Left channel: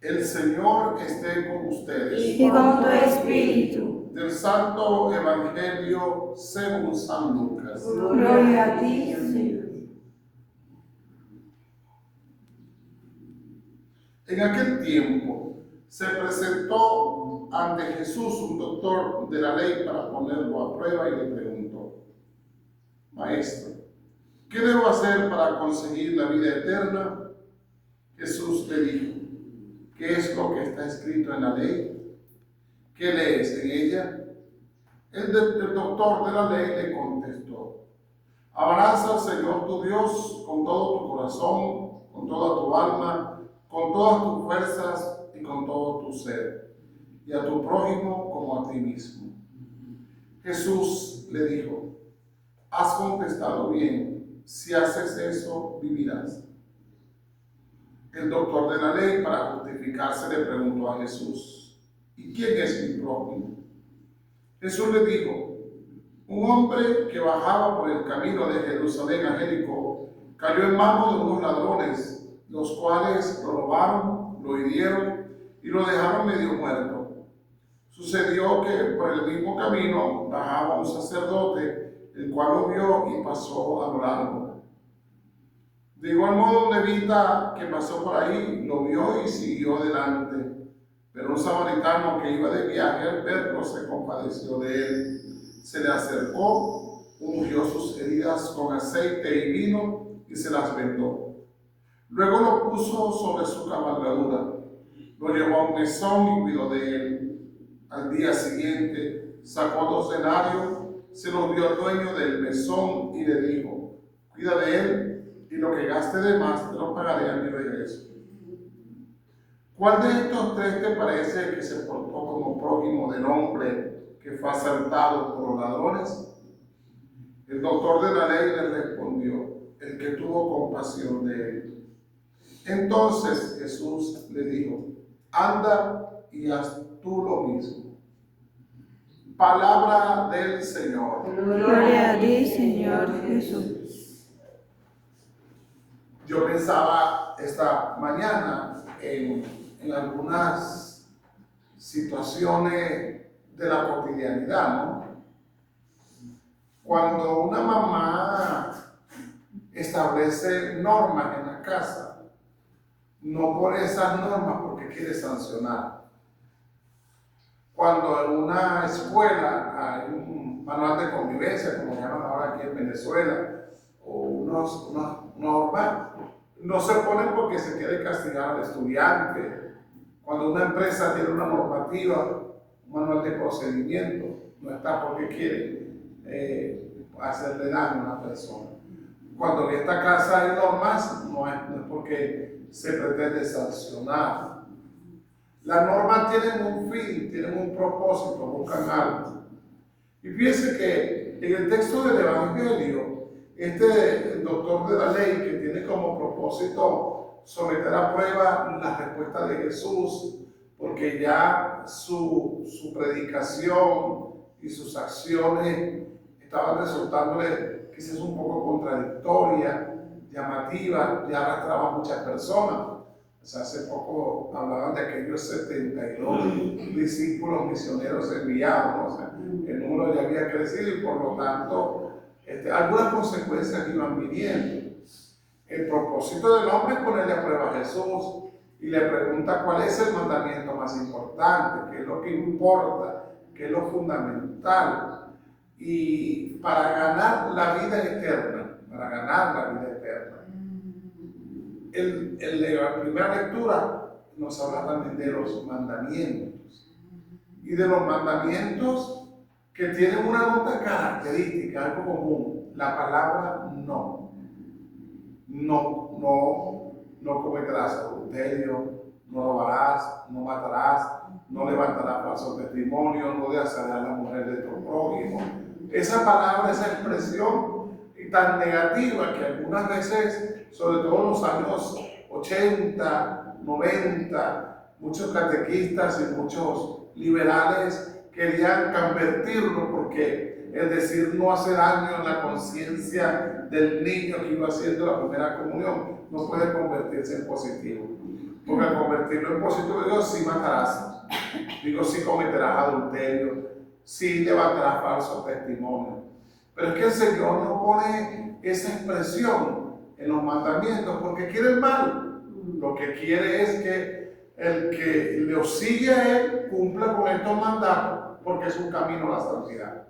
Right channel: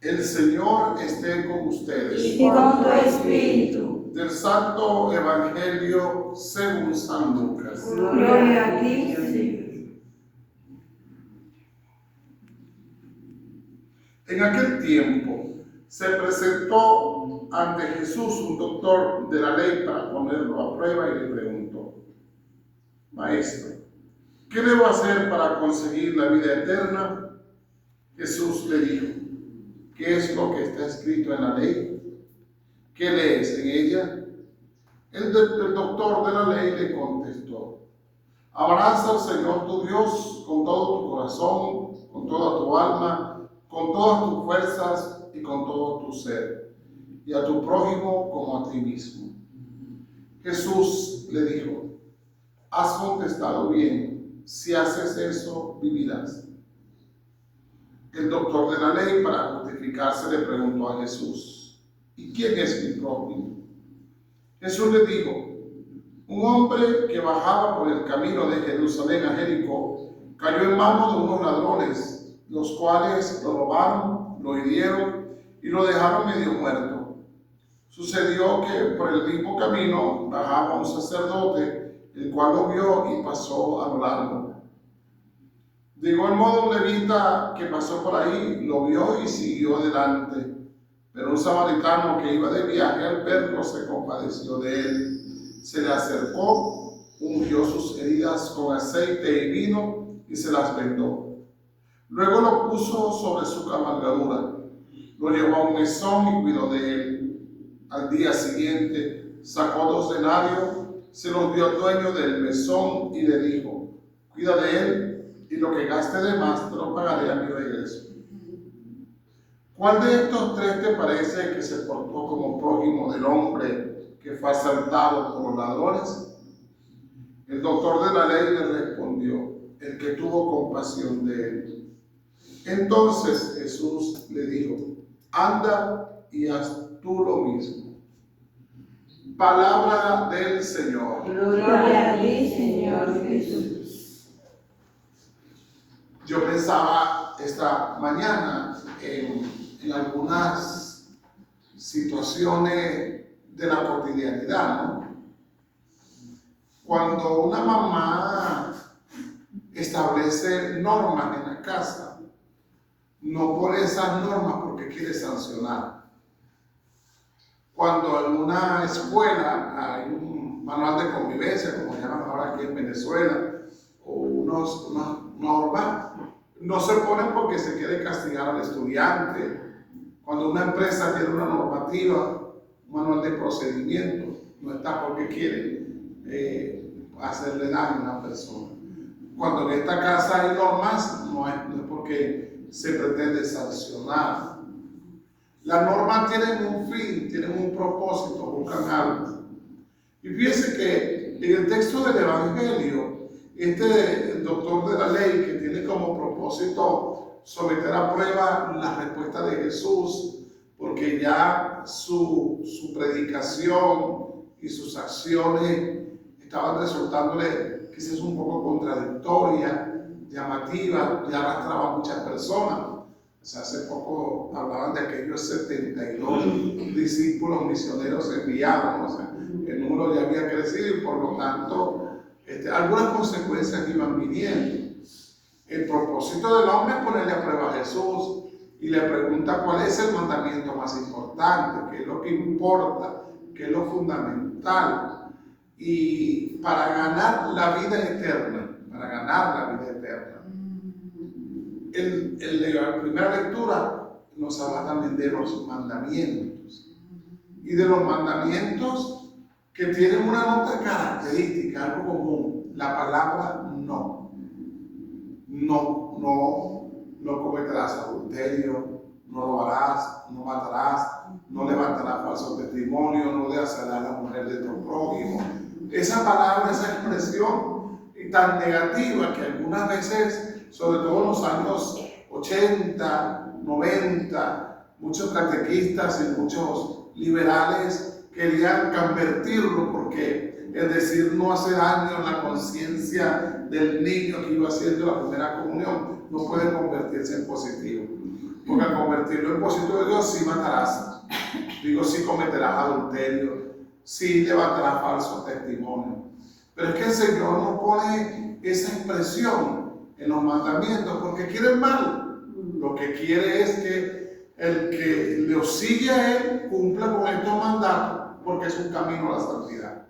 El Señor esté con ustedes. Y con tu espíritu. Del Santo Evangelio según San Lucas. Gloria a ti, Señor. En aquel tiempo se presentó ante Jesús un doctor de la ley para ponerlo a prueba y le preguntó: Maestro, ¿qué debo hacer para conseguir la vida eterna? Jesús le dijo: ¿Qué es lo que está escrito en la ley? ¿Qué lees en ella? El doctor de la ley le contestó: Amarás al Señor tu Dios con todo tu corazón, con toda tu alma, con todas tus fuerzas y con todo tu ser, y a tu prójimo como a ti mismo. Jesús le dijo: Has contestado bien, si haces eso, vivirás. El doctor de la ley, para justificarse, le preguntó a Jesús: ¿Y quién es mi prójimo? Jesús le dijo: Un hombre que bajaba por el camino de Jerusalén a Jericó cayó en manos de unos ladrones, los cuales lo robaron, lo hirieron y lo dejaron medio muerto. Sucedió que por el mismo camino bajaba un sacerdote, el cual lo vio y pasó a lo largo. De igual modo, un levita que pasó por ahí lo vio y siguió adelante. Pero un samaritano que iba de viaje al verlo se compadeció de él. Se le acercó, ungió sus heridas con aceite y vino y se las vendó. Luego lo puso sobre su cabalgadura, lo llevó a un mesón y cuidó de él. Al día siguiente sacó 2 denarios, se los dio al dueño del mesón y le dijo: Cuida de él, y lo que gaste de más te lo pagaré a mi regreso. ¿Cuál de estos 3 te parece que se portó como prójimo del hombre que fue asaltado por los ladrones? El doctor de la ley le respondió: el que tuvo compasión de él. Entonces Jesús le dijo: Anda y haz tú lo mismo. Palabra del Señor. Gloria a ti, Señor Jesús. Yo pensaba esta mañana en algunas situaciones de la cotidianidad, ¿no? Cuando una mamá establece normas en la casa, no por esas normas porque quiere sancionar. Cuando en una escuela hay un manual de convivencia, como llaman ahora aquí en Venezuela, o unas normas, no se ponen porque se quiere castigar al estudiante. Cuando una empresa tiene una normativa, un manual de procedimiento, no está porque quiere hacerle daño a una persona. Cuando en esta casa hay normas, no es porque se pretende sancionar. Las normas tienen un fin, tienen un propósito, buscan algo. Y fíjense que en el texto del Evangelio, el doctor de la ley, que tiene como propósito someter a prueba la respuesta de Jesús, porque ya su predicación y sus acciones estaban resultándole quizás un poco contradictorias, llamativas, ya arrastraban a muchas personas. O sea, hace poco hablaban de aquellos 72 discípulos misioneros enviados, ¿no? O sea, el número ya había crecido y por lo tanto algunas consecuencias iban viniendo. El propósito del hombre es ponerle a prueba a Jesús y le pregunta cuál es el mandamiento más importante, qué es lo que importa, qué es lo fundamental. Y para ganar la vida eterna, la primera lectura nos habla también de los mandamientos. Y de los mandamientos que tienen una nota característica, algo común: la palabra no. No cometerás adulterio, no robarás, no matarás, no levantarás falso testimonio, no desearás a la mujer de tu prójimo. Esa palabra, esa expresión tan negativa que algunas veces, sobre todo en los años 80, 90, muchos catequistas y muchos liberales querían convertirlo, porque el decir no hace daño en la conciencia del niño que iba haciendo la primera comunión no puede convertirse en positivo, Porque convertirlo en positivo, digo, sí matarás, digo, sí cometerás adulterio, sí levantarás falso testimonio. Pero es que el Señor no pone esa expresión en los mandamientos porque quiere el mal. Lo que quiere es que el que lo sigue a Él cumpla con estos mandatos porque es un camino a la santidad,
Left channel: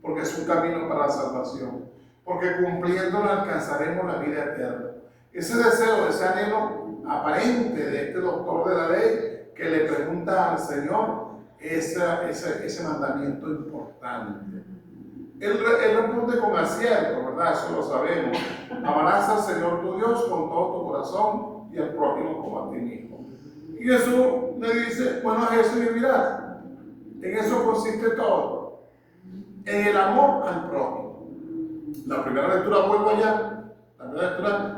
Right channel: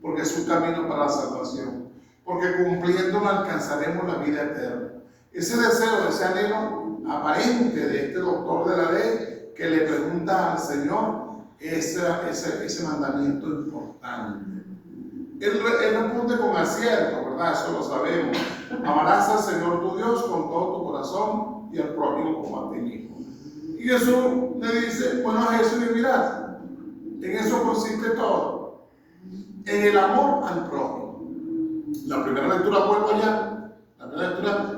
porque es un camino para la salvación, porque cumpliéndolo alcanzaremos la vida eterna. Ese deseo, ese anhelo aparente de este doctor de la ley que le pregunta al Señor ese mandamiento importante. Él responde con acierto, ¿verdad? Eso lo sabemos. Amarás al Señor tu Dios con todo tu corazón y al prójimo como a ti mismo. Y Jesús le dice, bueno, a eso vivirás. En eso consiste todo. En el amor al prójimo. La primera lectura, vuelvo allá. La primera lectura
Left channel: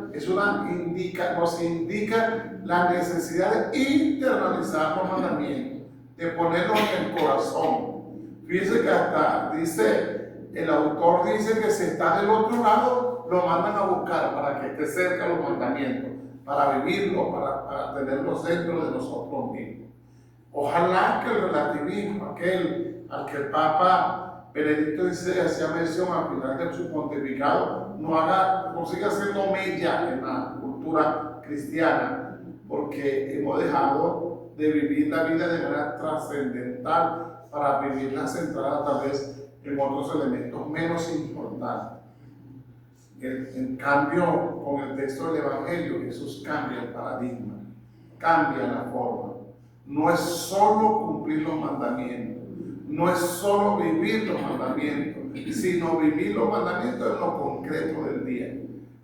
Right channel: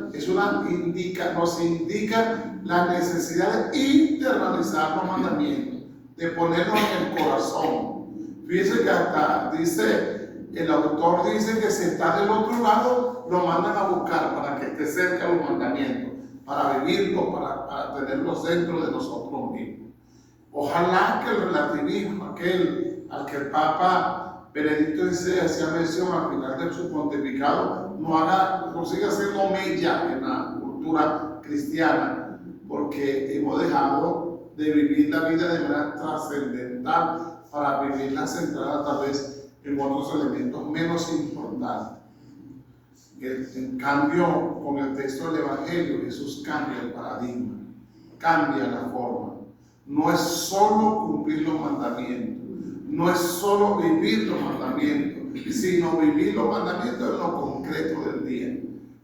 nos indica la necesidad de internalizar los mandamientos, de ponerlos en el corazón. Fíjense que hasta el autor dice que si está del otro lado, lo mandan a buscar para que esté cerca de los mandamientos, para vivirlos, para tenerlos dentro de nosotros mismos. Ojalá que el relativismo, aquel al que el Papa Benedicto XVI hacía mención al final de su pontificado, consiga hacer mella en la cultura cristiana, porque hemos dejado de vivir la vida de manera trascendental para vivirla centrada tal vez en otros elementos menos importantes. En cambio, con el texto del Evangelio, Jesús cambia el paradigma, cambia la forma. No es solo cumplir los mandamientos, no es solo vivir los mandamientos, sino vivir los mandamientos en lo concreto del día.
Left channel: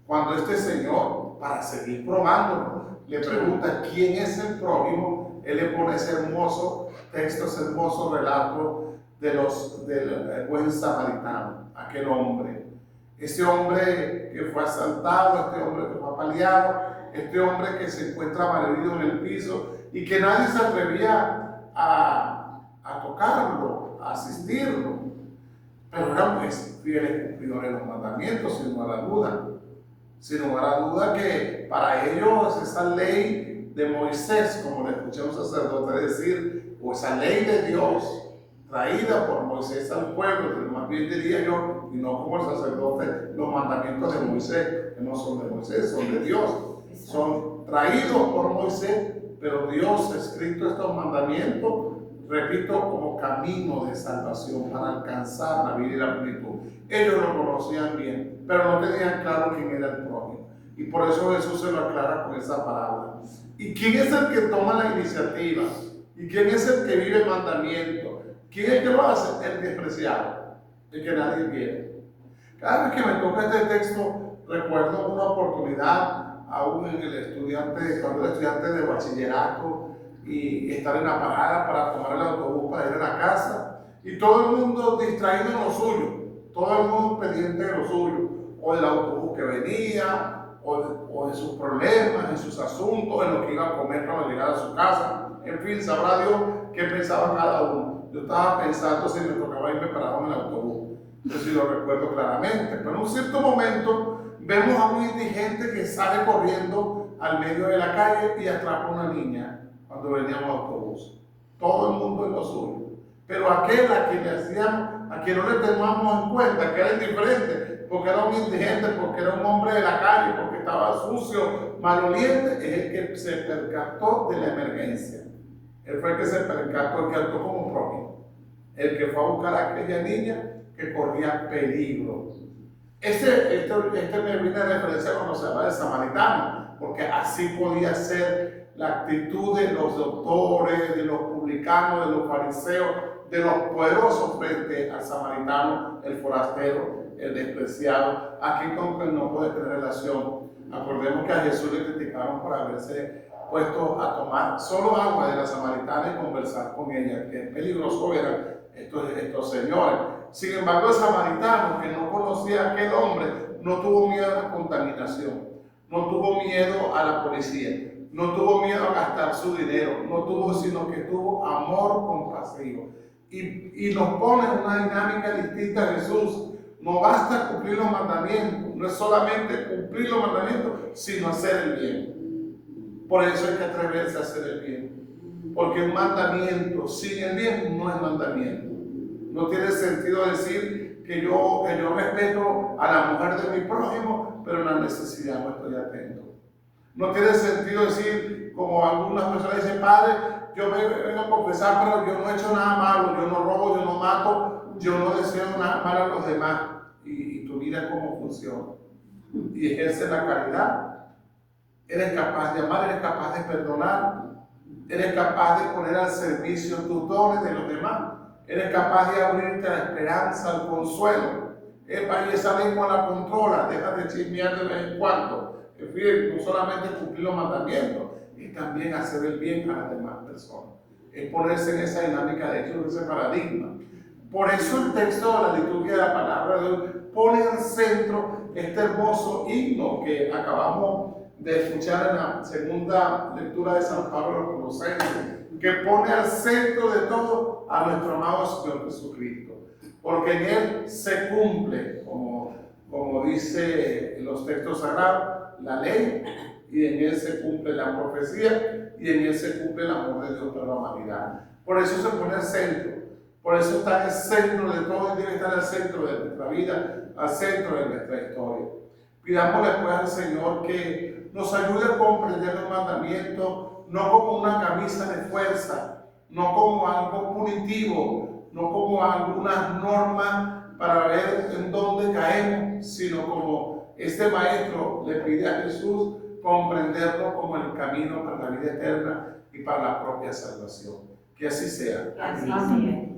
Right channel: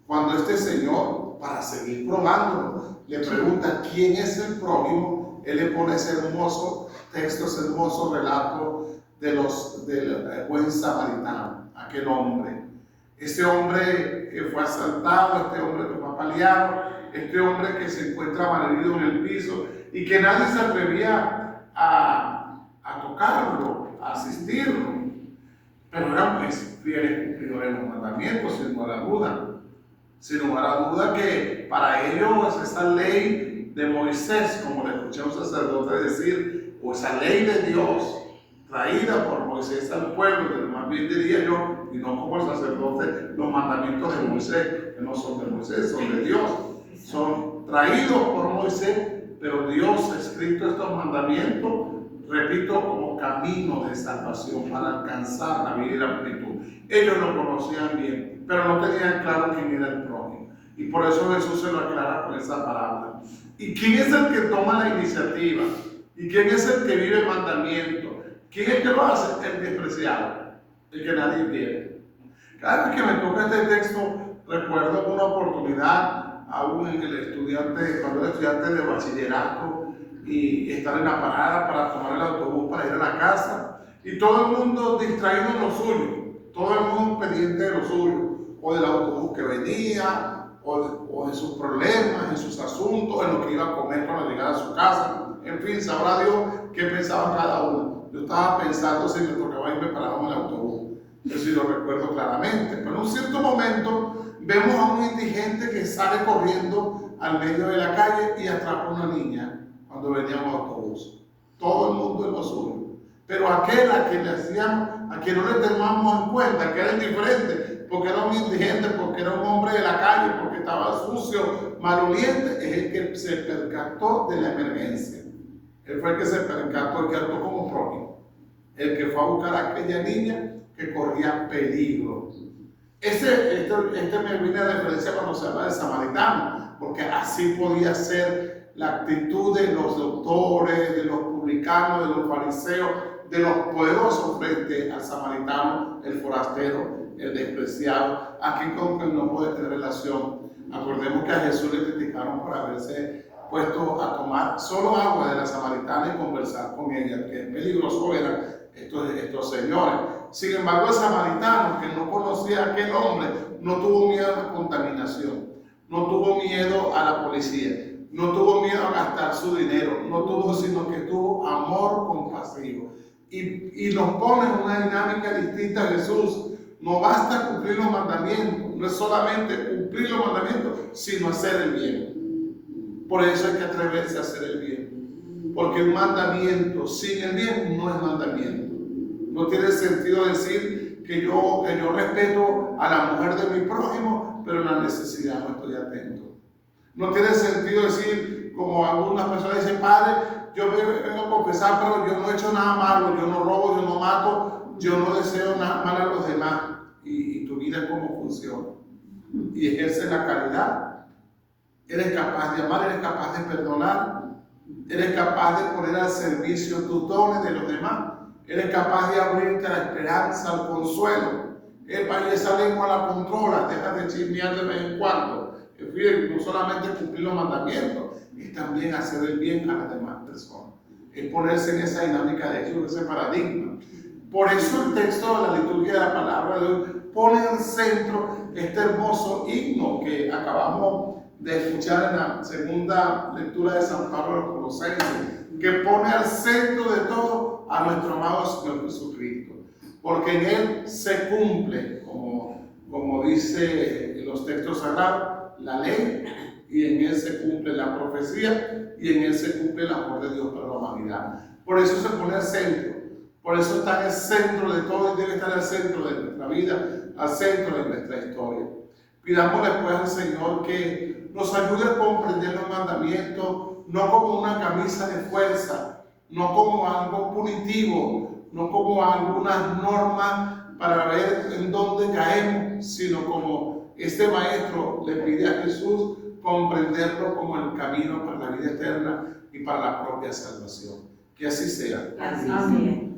Cuando este Señor, para seguir probándolo, le pregunta quién es el prójimo, Él le pone ese hermoso texto, ese hermoso relato del buen samaritano, aquel hombre. Este hombre que fue asaltado, este hombre que fue apaleado, este hombre que se encuentra malherido en el piso y que nadie se atrevía a tocarlo, a asistirlo. Pero era fiel cumplidor de los mandamientos, sin lugar a duda. Sin lugar a duda que para ellos esa ley de Moisés, como le escuché a un sacerdote decir, o esa ley de Dios traída por Moisés al pueblo, más bien diría yo, y no como el sacerdote, los mandamientos de Moisés, que no son de Moisés, son de Dios, son traídos por Moisés, pero Dios ha escrito estos mandamientos, repito, como camino de salvación para alcanzar la vida y la plenitud. Ellos lo conocían bien, pero no tenían claro quién era el prójimo. Y por eso Jesús se lo aclara con esa parábola. ¿Y quién es el que toma la iniciativa? ¿Y quién es el que vive el mandamiento? ¿Quién es el que lo hace? El despreciado, el que nadie quiere. Cada vez que me toca este texto, recuerdo una oportunidad, aún en cuando era estudiante de bachillerato, y estar en la parada para tomar el autobús para ir a la casa, y todo el mundo distraído en lo suyo, todo el mundo pendiente de lo suyo, o del autobús que venía, o de sus problemas, en sus asuntos, en lo que iba a comer cuando llegara a su casa. En fin, sabrá Dios qué pensaba cada uno. Yo estaba pensando si me tocaba irme parado en el autobús, eso sí lo recuerdo claramente. Pero en un cierto momento vemos a un indigente que sale corriendo al medio de la calle y atrapa a una niña cuando veníamos al autobús. Todo el mundo en lo suyo. Pero aquel a quien no le tomamos en cuenta, que era indiferente, porque era un indigente, porque era un hombre de la calle, porque estaba sucio, maloliente, es el que se percató de la emergencia. Él fue el que se percató, el que actuó como prójimo, el que fue a buscar a aquella niña que corría peligro. Este me viene a referencia cuando se habla de samaritano, porque así podía ser la actitud de los doctores, de los publicanos, de los fariseos, de los poderosos frente al samaritano, el forastero, el despreciado, aquí con quien no puede tener relación. Acordemos que a Jesús le criticaron por haberse puesto a tomar solo agua de la samaritana y conversar con ella, que peligroso eran estos señores. Sin embargo, el samaritano, que no conocía a aquel hombre, no tuvo miedo a la contaminación, no tuvo miedo a la policía, no tuvo miedo a gastar su dinero, sino que tuvo amor compasivo. Y nos pone en una dinámica distinta a Jesús. No basta cumplir los mandamientos, no es solamente cumplir los mandamientos, sino hacer el bien. Por eso hay que atreverse a hacer el bien. Porque un mandamiento sin el bien no es mandamiento. No tiene sentido decir que yo respeto a la mujer de mi prójimo, pero en la necesidad no estoy atento. No tiene sentido decir, como algunas personas dicen, Padre, yo me vengo a confesar, pero yo no he hecho nada malo, yo no robo, yo no mato, yo no deseo nada mal a los demás. Y tu vida, ¿cómo funciona? Y ejerce la caridad. Eres capaz de amar, eres capaz de perdonar, eres capaz de poner al servicio tus dones de los demás, eres capaz de abrirte a la esperanza, al consuelo. Y esa lengua la controla, deja de chismear de vez en cuando. Es decir, no solamente cumplir los mandamientos, es también hacer el bien a las demás personas. Es ponerse en esa dinámica de Jesús, ese paradigma. Por eso el texto de la liturgia de la palabra de Dios pone en el centro este hermoso himno que acabamos de escuchar en la segunda lectura de San Pablo a los Colosenses, que pone al centro de todo a nuestro amado Señor Jesucristo, porque en Él se cumple, como dice en los textos sagrados, la ley, y en Él se cumple la profecía, y en Él se cumple el amor de Dios para la humanidad. Por eso se pone al centro, por eso está en el centro de todo y debe estar al centro de nuestra vida, al centro de nuestra historia. Pidámosle pues al Señor que nos ayude a comprender los mandamientos no como una camisa de fuerza, no como algo punitivo, no como algunas normas para ver en dónde caemos, sino como este maestro le pide a Jesús comprenderlo como el camino para la vida eterna y para la propia salvación. Que así sea. Amén.